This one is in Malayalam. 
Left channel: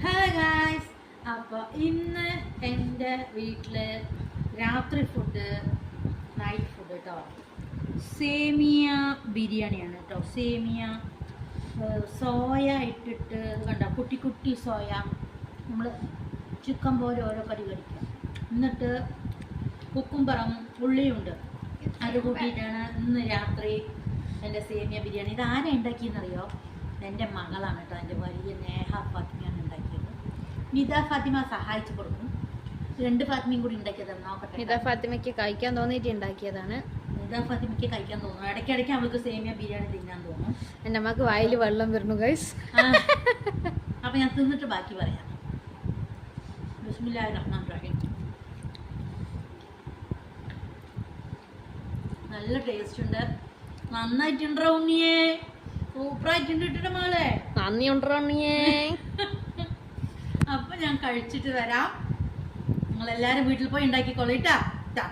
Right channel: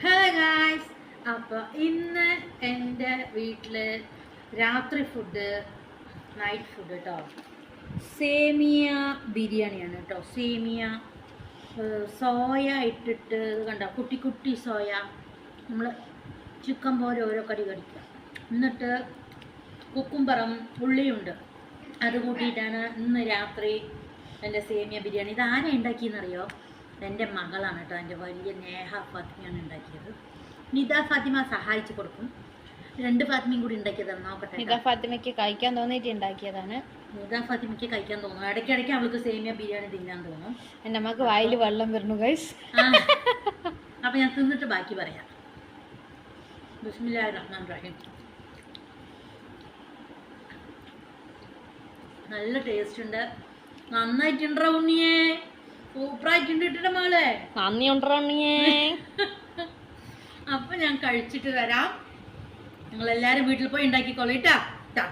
Hi guys. അപ്പോൾ ഇന്ന് എൻ്റെ വീട്ടിൽ രാത്രി ഫുഡ്, നൈറ്റ് ഫുഡ് കേട്ടോ, സേമിയ ബിരിയാണിയാണ് കേട്ടോ. സേമിയ സോയ ഇട്ടിട്ട് കണ്ടോ, കുട്ടി കുട്ടി സോയ നമ്മൾ ചിക്കൻ പോലെ ഓരോ കടി കടിക്കുക. എന്നിട്ട് കുക്കുംബറും ഉള്ളിയുണ്ട്, അത് കൂട്ടിയിട്ടാണ് ഇന്ന് രാത്രി എൻ്റെ സേമിയ ബിരിയാണി. ഇത് ആരാ ഉണ്ടാക്കിയെന്നറിയോ? എൻ്റെ മകളാണ് കേട്ടോ, എൻ്റെ വലിയ നേഹ ഫാത്തിമയാണ് ഉണ്ടാക്കിയത്. നിദ ഫാത്തിമ സഹായിച്ചു കൊടുക്കും. 2 ഫാത്തിമയും കൂടി ഉണ്ടാക്കിയതാണ്. നോക്കട്ടെ. നിദ ഫാത്തിമയ്ക്ക് കഴിക്കാൻ തോന്നിയിട്ട് ഉണ്ടാക്കിയതാണ്. നിദ ഫാത്തിമയ്ക്ക് കഴിക്കാൻ തോന്നും, ഇടയ്ക്കിടയ്ക്ക് അവൾക്ക് സേമിയ ബിരിയാണി തിന്നാൻ തോന്നും. എൻ്റെ അമ്മക്ക് വായിൽ വെള്ളം വരുന്നു ഗൈസ്. അപ്പം ഞാൻ തിന്നിട്ട് ബാക്കി പറയാം. ബിസ്മില്ലാഹിർ റഹ്മാനിർ റഹീം. നല്ല ടേസ്റ്റ് ഉണ്ട്, നന്നായിട്ടുണ്ടോ ഉണ്ണിയേ? സൂപ്പറായിട്ടുണ്ട് ഇട്ടിട്ട് മോളെ. നന്ദി ഉണ്ടോ ഉണ്ണിയേ? അപ്പൊ ഞാൻ കഴിച്ചിട്ട് വരാം. നിങ്ങളെല്ലാരും വീട്ടിൽ പോയി ഉണ്ടാക്കിക്കോളൂ ട്ടാ.